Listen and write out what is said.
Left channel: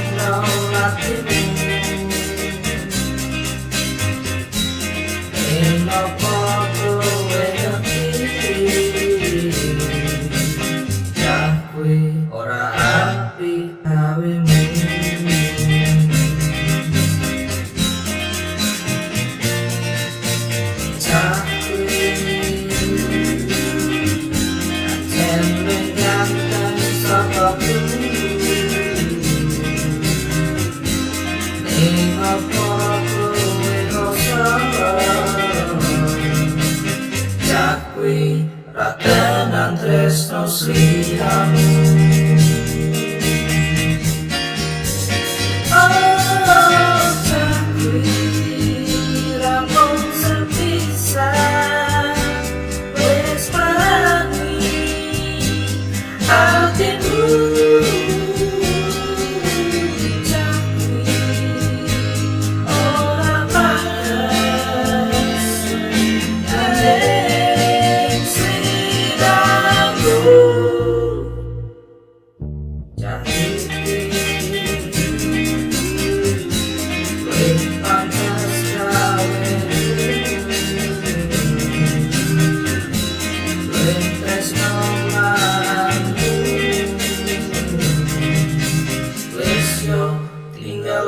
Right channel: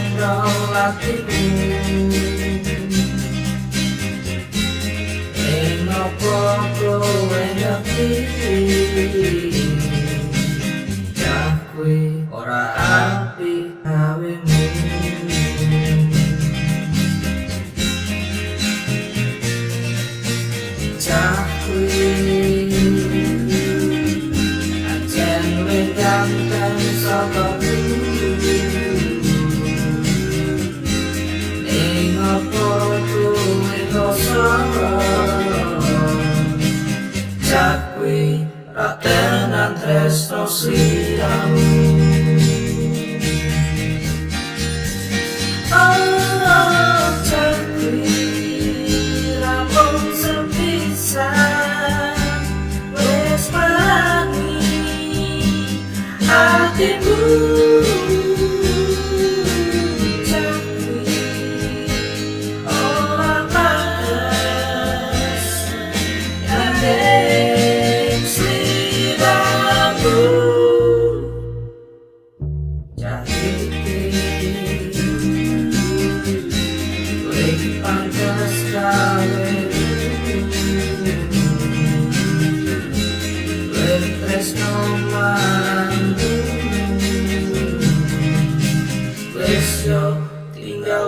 chandra latimu enopo kowe ngerti cah kuwi ora apik gawemu cah kuwi ancen luwih ganteng saka bumi ning apa kowe rasa cah kuwi ra tenan tresno sliramu. Hatimu cakri ora pantes gandeng sliramu cah iki luwih pantes gawemu luwih tresno marangmu tinggal